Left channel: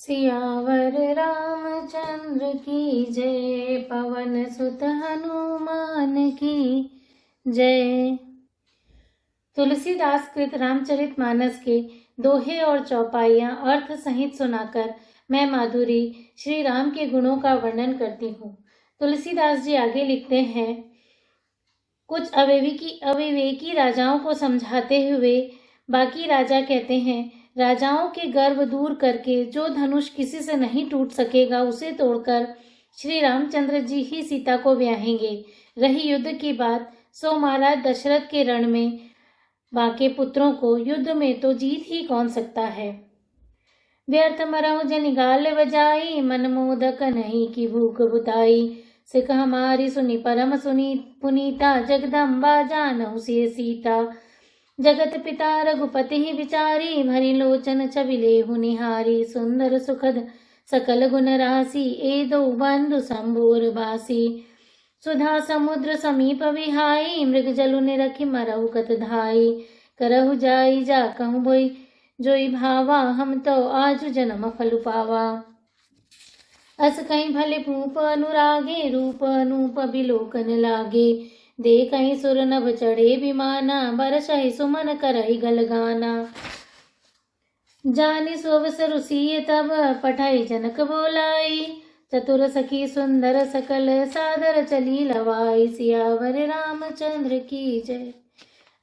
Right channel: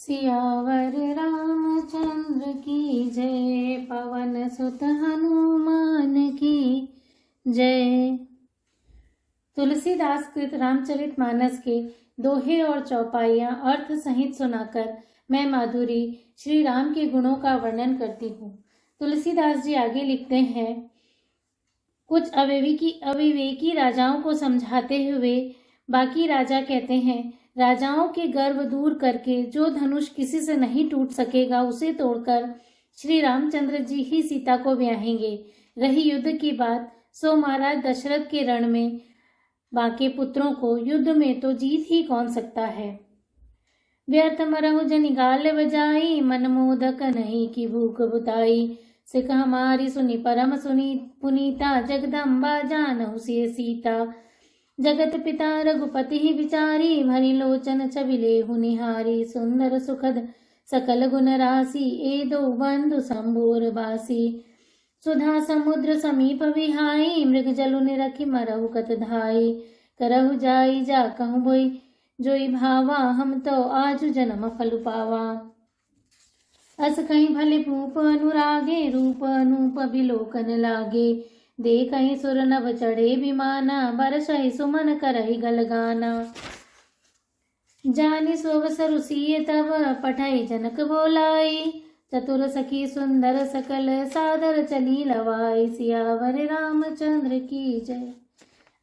सियावर रामचंद्र की जय, पवन सुत हनुमान की जय। तुलसीदास कृत रामचरितमानस के दोहे और चौपाइयाँ अर्थ सहित सुनाकर मैं माधुरी श्री राम के गुणों का वर्णन करती हूँ। तुलसीदास जी आगे लिखते हैं, कुछ अविवेकी राजाओं को समझाते हुए बाकी राजा कहते हैं, राजाओं के गर्व दूर करके जो धनुष किसी से नहीं टूट सकेगा उसे तोड़कर श्री रामचंद्र जी ही सीता को ब्याहेंगे। रही युद्ध की बात, सो महाराज दशरथ के रण में बाके पुत्रों को युद्ध में तो जीत ही कौन सकता है। व्यर्थ मरहु जनि गाल बजाई, मन मोदक नहीं की भूख बुताई। सिख हमारी सुनी परम सुनी पुनीता, जगदम्बा जानहु सिय सीता। जगत पिता रघुपति ही विचारी, भरी लोचन छबिलेहु निहारी। सुंदर सुखद सकल गुण राशि, ए दो बंधु संबोर बासी। सुधा समुद्र समीप विहाई, मृग जलु निरखि मरहु कत धाई। करहु जाई जा कहूँ बोई, जोई भावा हम तो आज जन्म फल पावा। अस कहीं भले भूप अनुरागे, रूप अनूप बिलोकन लागे। देखहि सुर नभ चढ़े विमाना, बरसहि सुमन करहि गल गाना। जानि सुअवसर सिय तब, पठाई जनक बोलाई। चतुर सखी सुंदर सकल, सादर चली लवाई। सियावर रामचंद्र की जय।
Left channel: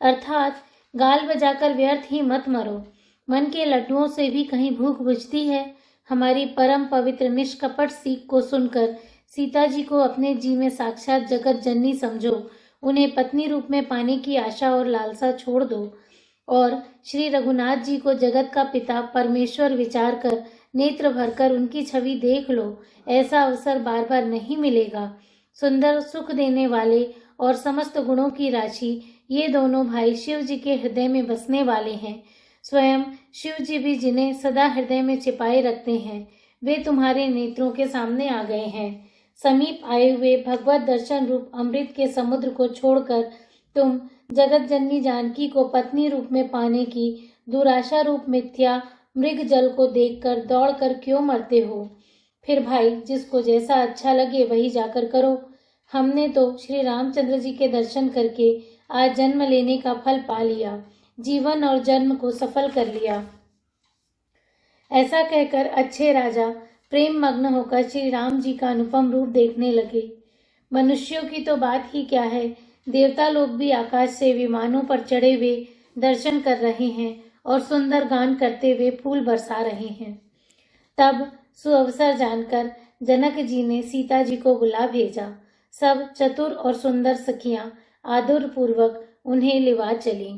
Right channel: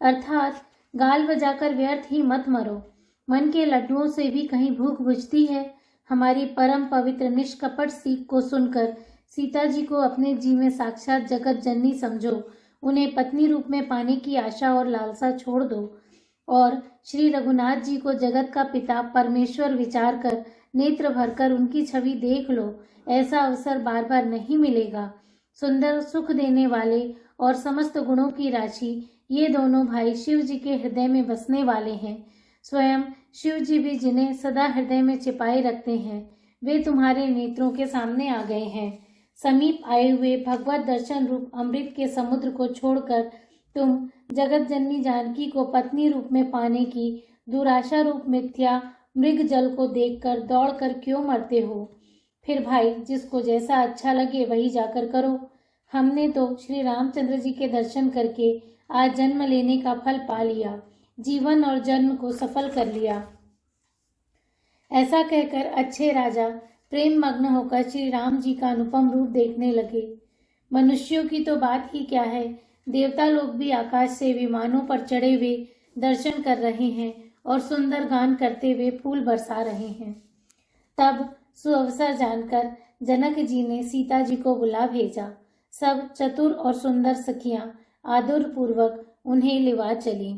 अर्थात गाल बजाकर व्यर्थ ही मत मरो, मन के लड्डुओं से भी कहीं भूख बुझती है। हमारी परम पवित्र निष्कपट सीख को सुनकर सीता जी को अपने जी में साक्षात जगत जननी समझो। उन्हें पत्नी रूप में पाने की आशा और लालसा छोड़ दो और श्री रघुनाथ जी को जगत का पिता परमेश्वर विचार कर नेत्र भरकर उनकी छवि देख लो। ऐसा अवसर बार बार नहीं मिलेगा। सुंदर सुख देने वाले और समस्त गुणों की राशि ये दोनों भाई शिव जी के हृदय में बसने वाले हैं। स्वयं शिव जी भी जिन्हें सदा हृदय में छिपाए रखते हैं, वे तुम्हारे नेत्रों के सामने आ गए हैं। समीप आए हुए भगवत दर्शन रूप अमृत के समुद्र को छोड़कर तुम जगत जननी जानकी को पत्नी रूप में पाने की दुराशा रूप मिथ्या मृग जल को देखकर दौड़कर क्यों मरते हो। फिर भाई, जिसको जैसा अच्छा लगे वही जाकर करो। हमने तो श्री रामचंद्र जी के दर्शन करके आज जन्म लेने का फल पा लिया, जीवन और जन्म को सफल कर लिया। ऐसा कहकर अच्छे राजा प्रेम मग्न होकर श्री राम जी का अनुपम रूप देखने लगे। मनुष्यों की तो बात ही क्या है, देवता लोग भी आकाश से विमानों पर चढ़े हुए दर्शन कर रहे हैं और सुंदर गान करते हुए फूल बरसा रहे हैं। तब सुअवसर जानकर जनक जी ने सीता जी को बुला भेजा। सब चतुर और सुंदर सखियां आदर पूर्वक उन्हें लिवा चली।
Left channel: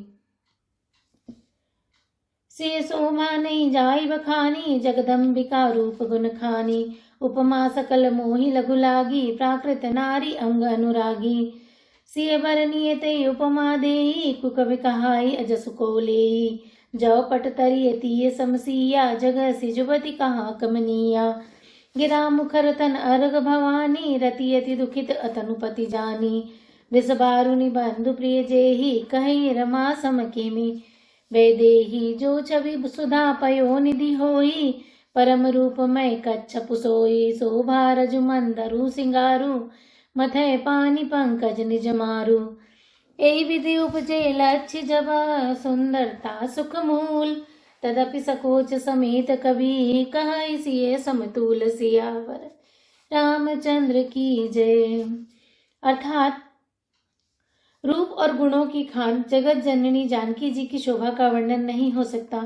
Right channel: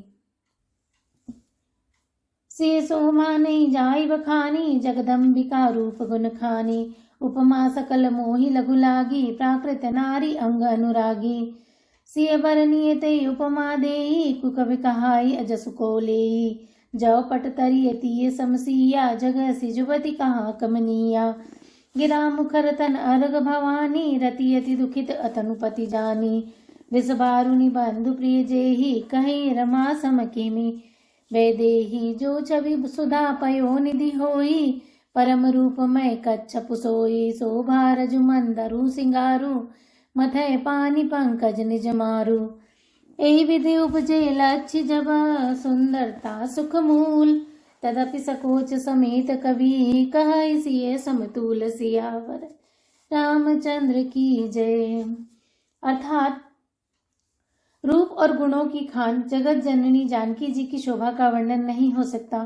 से सोमा नहीं जाई बखानी, जगदम्बिका रूप गुण खानी। उपमा सकल मोहि लघु लागी, प्राकृत नारी अंग अनुरागी। सिय बरनीय तई उपमा देई, कुकवि कहाई अजसु को लेई। जौ पट तरिय तीय समसिया, जगह सि जुबति कहाँ कमनिया। गिरा मुखर तन अर्घ भवानी, रति अति दुखित अतनुपति जानी। विषबारुनि बंधु प्रिय जेहि, कहीं रमा सम किमि। वैदेही जो छवि सुधा पयो निधि होई, परम रूप मय कच्छप सोई। शोभा रजु मंदरु सिंगारू, मथय पानी पंकज निज मारू। एहि विधि उपजे लक्ष्य जब, सुंदरता सुख मूल। तदपि सकोच समेत कवि, कहै सिय समतुल। सियावर रामचंद्र की जय। अर्थात रूप और गुणों की खान जगत जननी जानकी जी की शोभा का वर्णन नहीं हो सकता।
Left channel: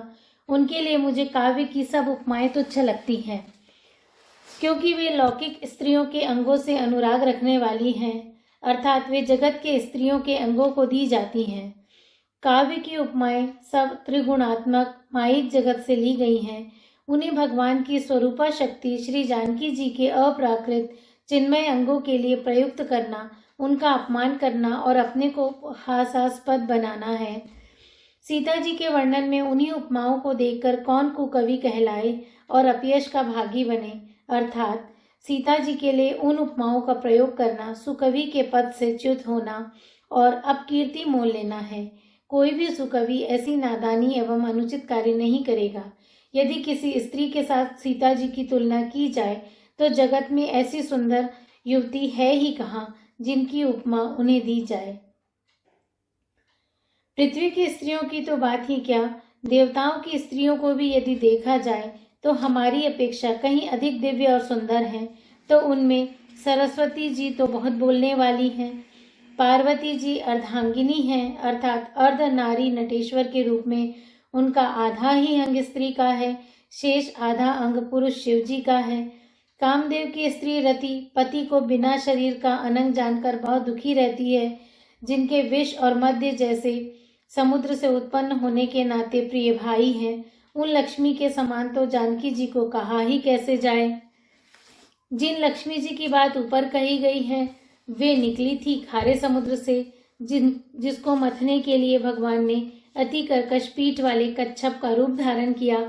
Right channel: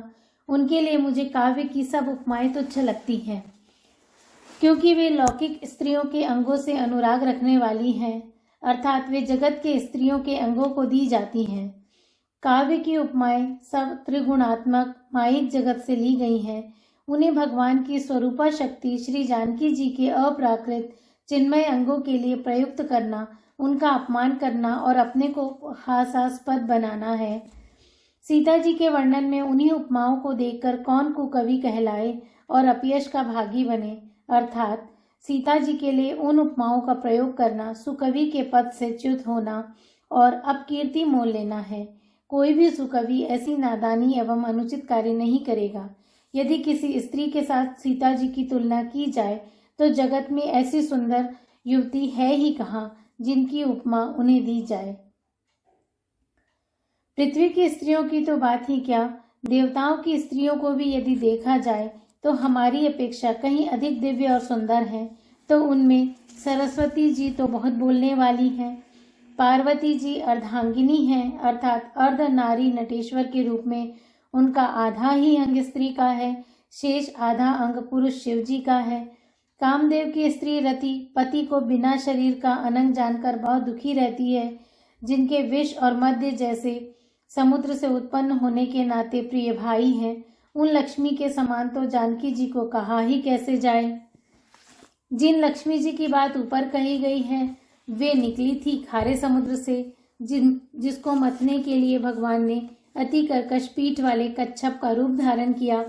उनके लिए मुझे काव्य की सब उपमाएं तुच्छ लगती हैं, क्योंकि वे लौकिक स्त्रियों के अंगों से अनुराग रखने वाली हैं, अर्थात वे जगत के स्त्रियों के अंगों को दी जाती हैं। काव्य की उपमाएं सब त्रिगुणात्मक मायिक जगत से ली गई हैं। उन्हें भगवान की स्वरूपा शक्ति श्री जानकी जी के अप्राकृत चिन्मय अंगों के लिए प्रयुक्त करना, उनका अपमान करना और अपने को हास्यास्पद बनाना है। सीता जी के वर्णन में उन्हीं उपमाओं को देखकर कौन कुकवि कहलाए और अपयश का भागी बने। अर्थात सीता जी के लिए उन उपमाओं का प्रयोग करना सुकवि के पद से च्युत होना और अपकीर्ति मोल लेना है। कोई भी सुकवि ऐसी नादानी एवं अनुचित कार्य नहीं करेगा। यदि किसी स्त्री के साथ सीता जी की तुलना की जाए तो जगत में ऐसी सुंदर युवती है ही कहाँ जिनकी उपमा उन्हें दी जाए। पृथ्वी की स्त्रियों की तो बात ही क्या, देवताओं की स्त्रियों को भी यदि देखा जाए तो हमारी अपेक्षा कहीं अधिक दिव्य और सुंदर हैं। तो उनमें सरस्वती जी तो बहुत बोलने वाली हैं। पार्वती जी अर्धांगिनी हैं, अर्थात अर्ध नारी नटेश्वर के रूप में उनका आधा ही अंग स्त्री का है, शेष आधा अंग पुरुष शिव जी का है। कामदेव की स्त्री रति पति को बिना शरीर का अनंग जानकर बहुत दुखी रहती है, जिनके विष और मध्य जैसे समुद्र से उत्पन्न होने के नाते प्रिय भाई हैं। उन लक्ष्मी के समान तो जानकी जी को कहा ही कैसे जाए। जिन लक्ष्मी जी की बात ऊपर कही गई है वे निकली थी खारे समुद्र से, जिसको मथने के लिए भगवान ने अति कर्कश पीठ वाले कच्छप का रूप धारण किया।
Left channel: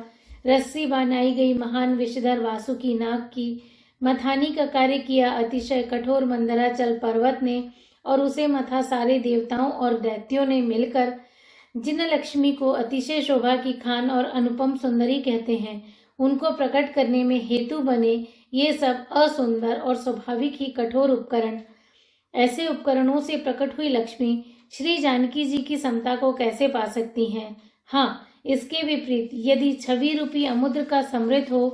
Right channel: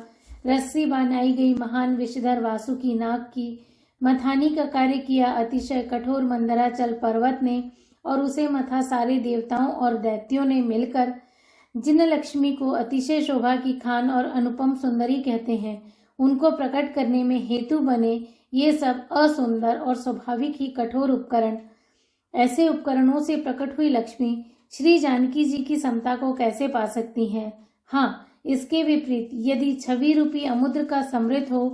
रस्सी बनाई गई महान विषधर वासुकी नाग की मथानी का कार्य किया अतिशय कठोर मंदराचल पर्वत ने, और उसे मथा सारे देवताओं और दैत्यों ने मिलकर। जिन लक्ष्मी को अतिशय शोभा की खान और अनुपम सुंदरी कहते हैं, उनको प्रकट करने में हेतु बने ये सब असुंदर और स्वाभाविक ही कठोर उपकरण। ऐसे उपकरणों से प्रकट हुई लक्ष्मी श्री जानकी जी की समता को कैसे पा सकती हैं। हाँ, इसके विपरीत यदि छवि रूपी अमुद्र का समृद्ध हो,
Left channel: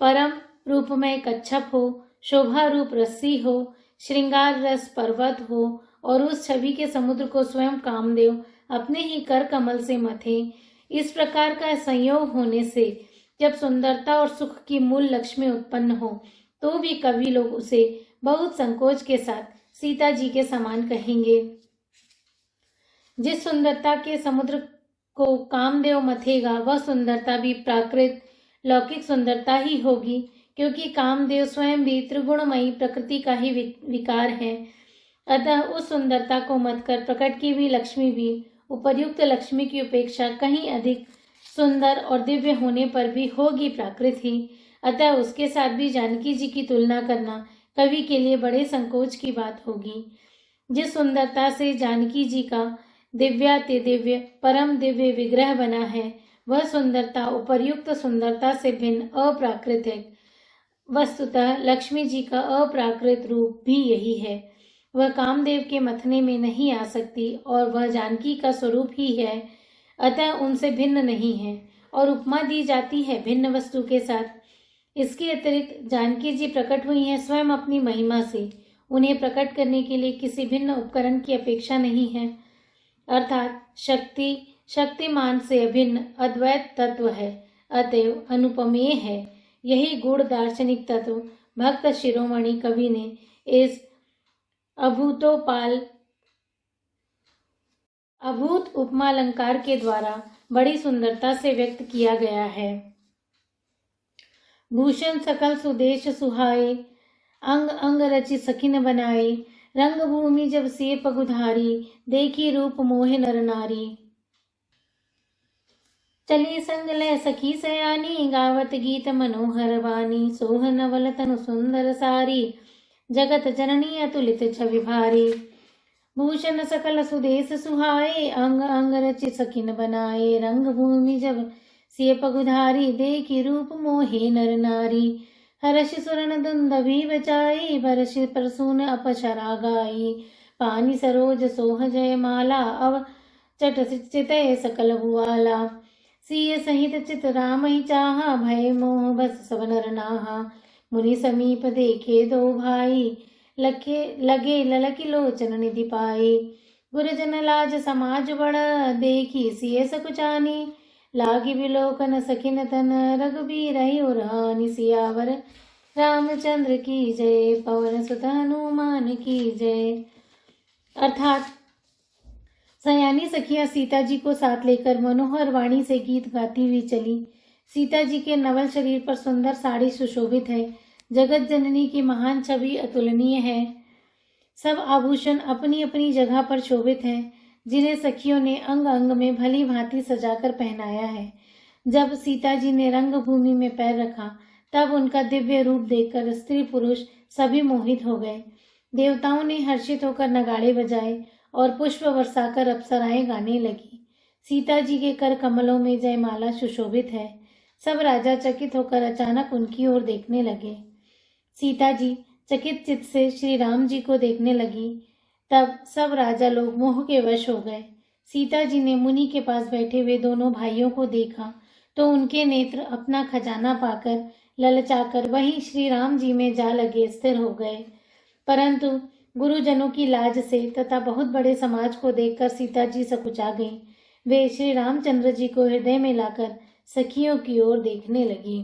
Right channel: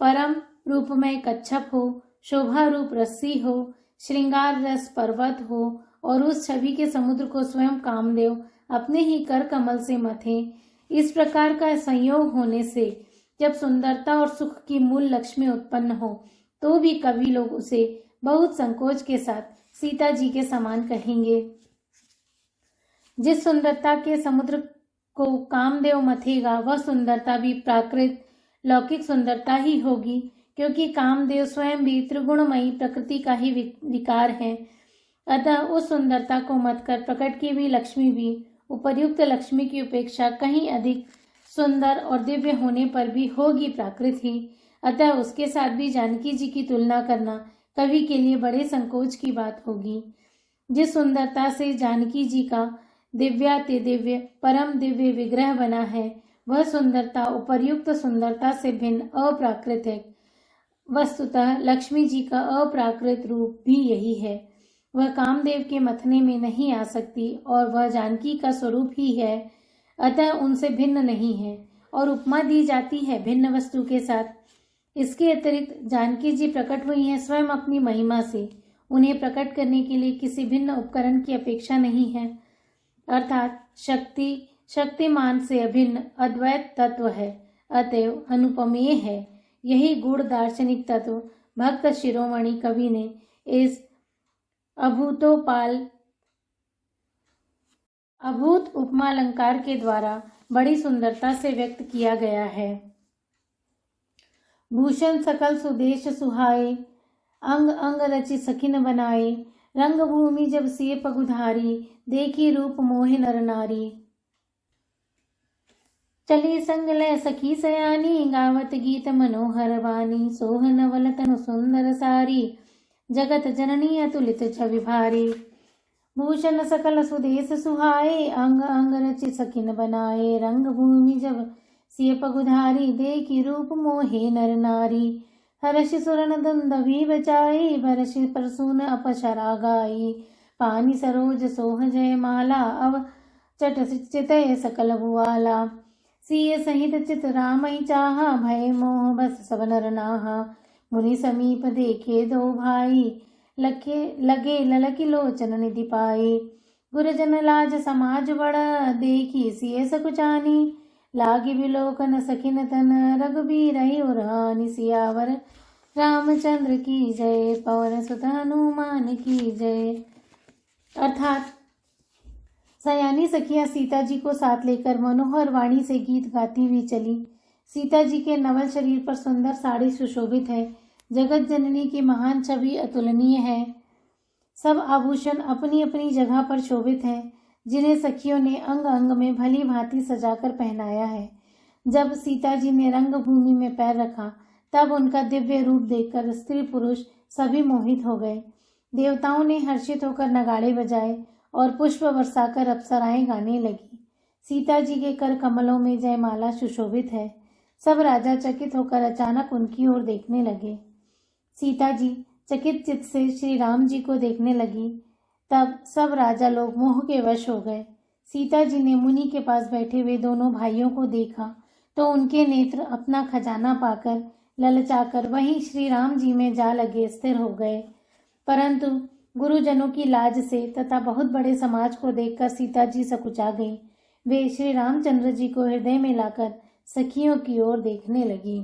परम रूपमय कच्छप हो, शोभा रूप रस्सी हो, श्रृंगार रस पर्वत हो और उस छवि के समुद्र को स्वयं कामदेव अपने ही कर कमल से मथे, इस प्रकार का संयोग होने से जब सुंदरता और सुख की मूल लक्ष्मी उत्पन्न हो तो भी कवि लोग उसे बहुत संकोच के साथ सीता जी के समान कहेंगे। जिस सुंदरता के समुद्र को कामदेव मथेगा वह सुंदरता भी प्राकृत लौकिक सुंदरता ही होगी, क्योंकि कामदेव स्वयं भी त्रिगुणमयी प्रकृति का ही विकार है। अतः उस सुंदरता को मत कर प्रकट की हुई लक्ष्मी भी उपर्युक्त लक्ष्मी की उपेक्षा कहीं अधिक सुंदर और दिव्य होने पर भी होगी प्राकृत ही। अतः उसके साथ भी जानकी जी की तुलना करना कवि के लिए बड़े संकोच की बात होगी। जिस सुंदरता से जानकी जी का दिव्याति दिव्य परम दिव्य विग्रह बना है, वह सुंदरता उपर्युक्त सुंदरता से भिन्न अप्राकृत है। वस्तुतः लक्ष्मी जी का अप्राकृत रूप भी यही है। वह कामदेव के मथने में नहीं आ सकती और वह जानकी का स्वरूप ही है, अतः उनसे भिन्न नहीं है और उपमा दी जाती है भिन्न वस्तु के साथ। इसके अतिरिक्त जानकी जी प्रकट हुई हैं स्वयं अपनी महिमा से। उन्हें प्रकट करने के लिए किसी भिन्न उपकरण की अपेक्षा नहीं है, अर्थात शक्ति शक्तिमान से अभिन्न अद्वैत तत्व है, अतएव अनुपमेय है। यही गुण दार्शनिक तत्व भक्त शिरोमणि कवि ने इस अभूत उपमालंकार के द्वारा बड़ी सुंदरता से व्यक्त किया गया है। भूषण सकल सुदेश सुहाए, अंग अंग रचि सखिन बनाए, रंग भूमि जब सिय पगुधारी, देखी रूप मोहे नर नारी। चली संग लय सखी सयानी, गावत गीत मनोहर वाणी, सोह नवल तनु सुंदर सारी, जगत जननी अतुलित छवि भारी। भूषण सकल सुदेश सुहाए, अंग अंग रचि सखिन बनाए, रंग भूमि जब सिय पगुधारी, देखी रूप मोहे नर नारी। हर्ष सुरन दुंदभी बचाई, भरष परसून अपशरा गाई, पानी सरोज सोह जय माला, अव चट चितय सकल भुआला। सिय सहित चित राम ही चाहा, भय मोह बस सब नर नाहा। मुनि समीप देखे दो भाई, लगे ललकी लोचन निधि पाई। गुरजन लाज समाज बड़ा, देखी सिय सकुचानी, लागी विलोकन सखिन तन, रघुबीर उरानी। सियावर रामचंद्र की जय, पवन सुत हनुमान की जय। अर्थात सयानी सखियां सीता जी को साथ लेकर मनोहर वाणी से गीत गाती हुई चली। सीता जी के नवल शरीर पर सुंदर साड़ी सुशोभित है। जगत जननी की महान छवि अतुलनीय है। सब आभूषण अपनी अपनी जगह पर शोभित हैं, जिन्हें सखियों ने अंग अंग में भली भांति सजाकर पहनाया है। जब सीता जी ने रंग भूमि में पैर रखा तब उनका दिव्य रूप देखकर स्त्री पुरुष सभी मोहित हो गए। देवताओं ने हर्षित होकर नगाड़े बजाए और पुष्प बरसाकर अप्सराएं गाने लगी। सीता जी के कर कमलों में जयमाला सुशोभित है। सब राजा चकित होकर अचानक उनकी ओर देखने लगे। सीता जी चकित चित्त से श्री राम जी को देखने लगी। तब सब राजा लोग मोह के वश हो गए। सीता जी ने मुनि के पास बैठे हुए दोनों भाइयों को देखा तो उनके नेत्र अपना खजाना पाकर ललचाकर वहीं श्री राम जी में जा लगे स्थिर हो गए। परंतु गुरुजनों की लाज से तथा बहुत बड़े समाज को देखकर सीता जी सकुचा गईं। वे श्री रामचंद्र जी को हृदय में लाकर सखियों की ओर देखने लगी।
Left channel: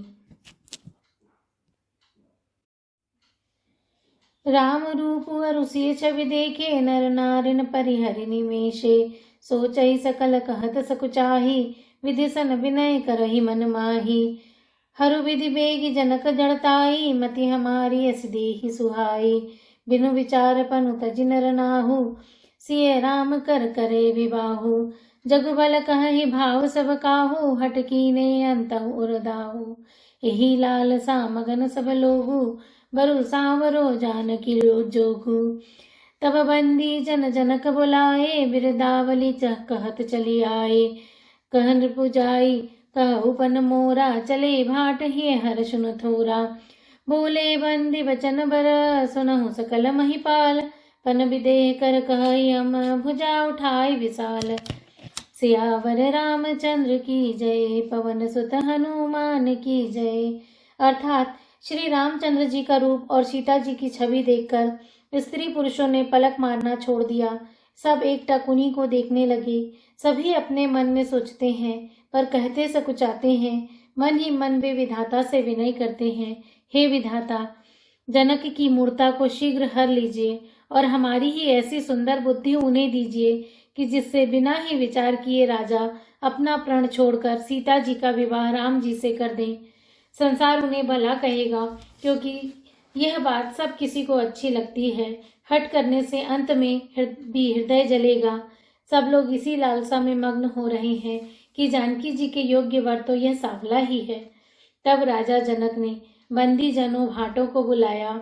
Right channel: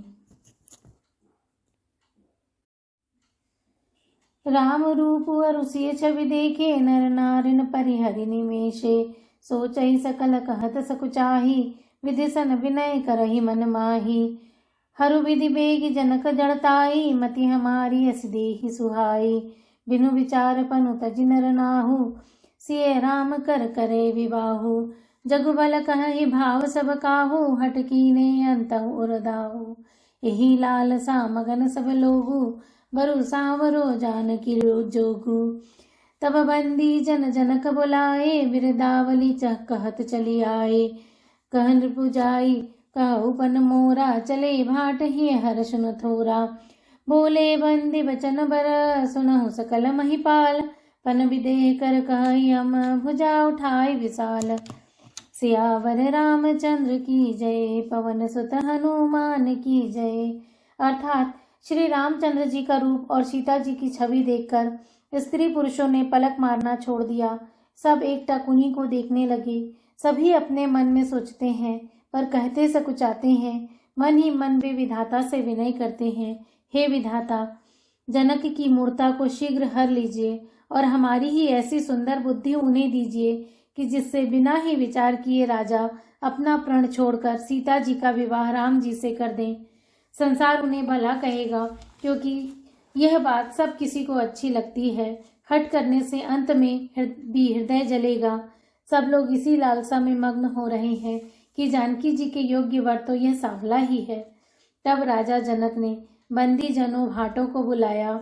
राम रूप अरुषि छवि देखे नर नारिन परिहरि निमेषे सोचहि सकल कहत सकुचाही विधि सन विनय करहि मन माही। हरु विधि बेगी जनक जड़ताई मति हमारी अस देहि सुहाई। बिनु विचार पनु तजि नर नाहु सिय राम कर करे विबाहु। जगुबल कहहि भाव सब काहू हट कीने अंतहु उरदाहु। एहि लाल सा मगन सब लोगु बरु सांवरो जानकी जोगु। तब बंदी जन जनक बुलाए बिरदावली चह कहत चली आए। कहन पुजाई कहु पन मोरा चले भाट ही हर सुन थोरा। बोले बंदी वचन बर सुनहु सकल महिपाल। पन विदेह कर कहई हम भुजा उठाई विशाल। सियावर रामचंद्र की जय पवन सुत हनुमान की जय। अर्थात श्री रामचंद्र जी का रूप और सीता जी की छवि देखकर स्त्री पुरुषों ने पलक मारना छोड़ दिया। सब एकटक उन्हीं को देखने लगे। सभी अपने मन में सोचते हैं पर कहते सकुचाते हैं। मन ही मन वे विधाता से विनय करते हैं, हे विधाता, जनक की मूर्ता को शीघ्र हर लीजिए और हमारी ही ऐसी सुंदर बुद्धि उन्हें दीजिए कि जिससे बिना ही विचार किए राजा अपना प्रण छोड़कर सीता जी का विवाह राम जी से कर दें। संसार उन्हें भला कहेगा, क्योंकि यह बात सब किसी को अच्छी लगती है। हट करने से अंत में भी हृदय जलेगा। सब लोग इसी लालसा में मग्न हो रहे हैं कि जानकी जी के योग्य वर तो यह सांवला ही है। तब राजा जनक ने बंदी जनों भाटों को बुलाया।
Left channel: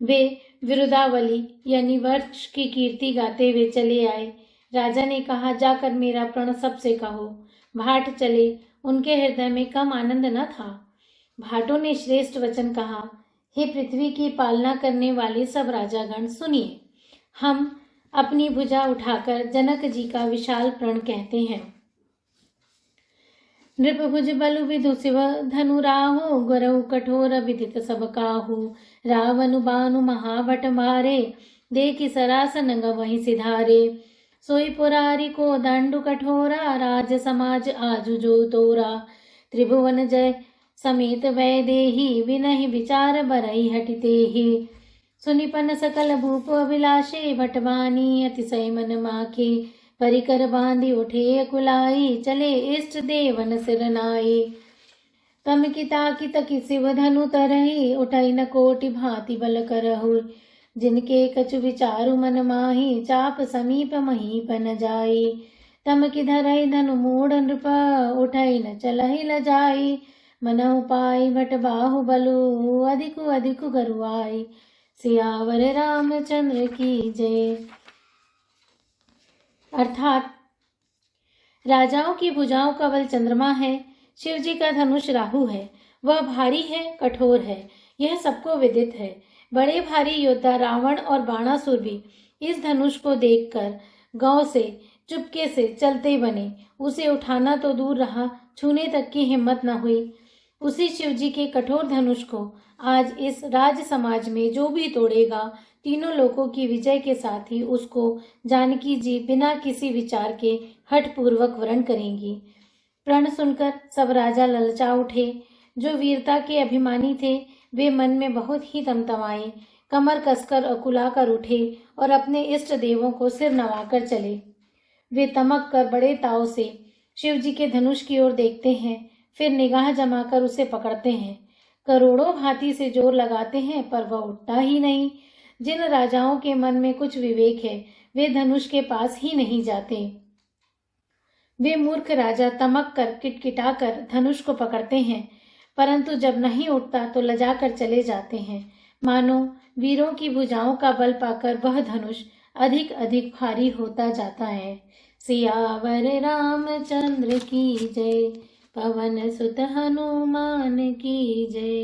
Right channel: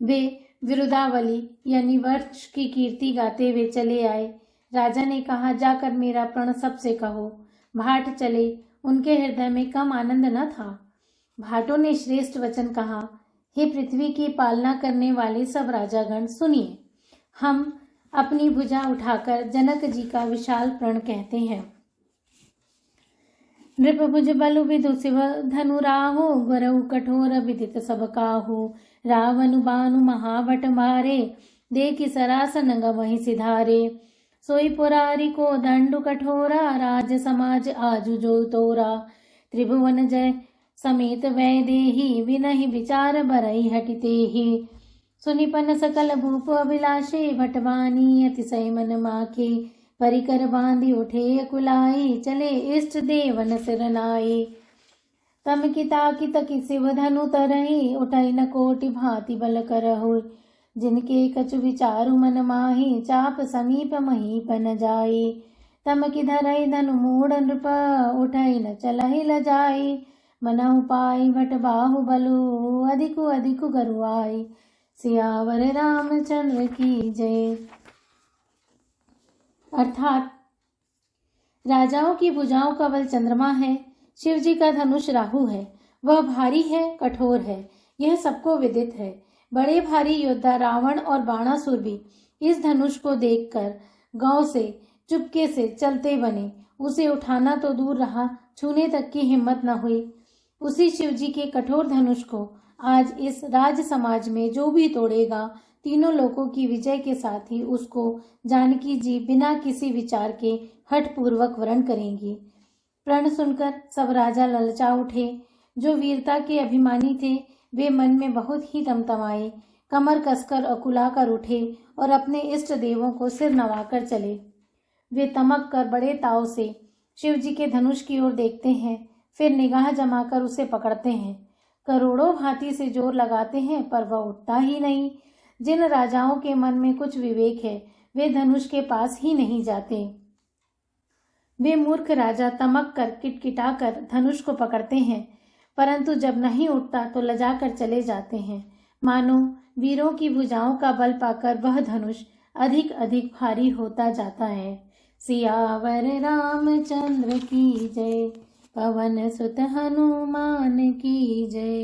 वे विरुदावली यानी वर्ष की कीर्ति गाते हुए चले आए। राजा ने कहा, जाकर मेरा प्रण सबसे कहो। भाट चले। उनके हृदय में कम आनंद न था। भाटों ने श्रेष्ठ वचन कहा, हे पृथ्वी की पालना करने वाले सब राजागण, सुनिए। हम अपनी भुजा उठाकर जनक जी का विशाल प्रण कहते हैं। नृप भुज बलु विदु शिव धनु राहु गुरु कठोर विदित सब काहू। रावण बानु महावट मारे देखि सरासन गवहि सिधारे। सोई पुरारी को दंडु कठोरा राज समाज आजु जो तोरा। त्रिभुवन जय समेत वैदेही विनहि विचार बरई हटिते ही। सुनिपन सकल भूप अभिलाषे भटवानी अतिशय मन माखे। परिकर बांधी उठे कुलाई चले इष्ट देवन सिरनाई। तम किता कित कि शिव धनु तरही उठई न कोटि भांति बल करहु। जिनके कछु विचारु मन माही चाप समीप महीप न जाई। तम कि धरई धनु मूढ़ नृप उठई न चलहि ल जाई। मनहु पाई भट बाहु बलु अधिकु अधिकु गरुआई। सियावर रामचंद्र की जय। अर्थात राजाओं की भुजाओं का बल चंद्रमा है, शिव जी का धनुष राहु है। वह भारी है, कठोर है, यह सबको विदित है। बड़े भारी योद्धा रावण और बाणासुर भी इस धनुष को देखकर गांव से चुपके से चलते बने। उसे उठाना तो दूर रहा, छूने तक की हिम्मत न हुई। उसी शिव जी के कठोर धनुष को आज इस राज समाज में जो भी तोड़ेगा, तीनों लोकों की विजय के साथ ही उसको जानकी जी बिना किसी विचार के हठ पूर्वक वरण करेंगी। प्रण सुनकर सब राजा ललचा उठे। जो वीरता के अभिमानी थे वे मन में बहुत ही तमतमाए, कमर कसकर अकुला कर उठे और अपने इष्ट देवों को सिर नवाकर चले। वे तमक कर बड़े ताव से शिव जी के धनुष की ओर देखते हैं, फिर निगाह जमाकर उसे पकड़ते हैं। करोड़ों भांति से जोर लगाते हैं पर वह उठता ही नहीं। जिन राजाओं के मन में कुछ विवेक है वे धनुष के पास ही नहीं जाते। वे मूर्ख राजा तमक कर किटकिटा कर धनुष को पकड़ते हैं, परंतु जब नहीं उठता तो लजा कर चले जाते हैं। मानो वीरों की भुजाओं का बल पाकर वह धनुष अधिक अधिक भारी होता जाता है। सियावर रामचंद्र की जय। पवन सुत हनुमान की जय।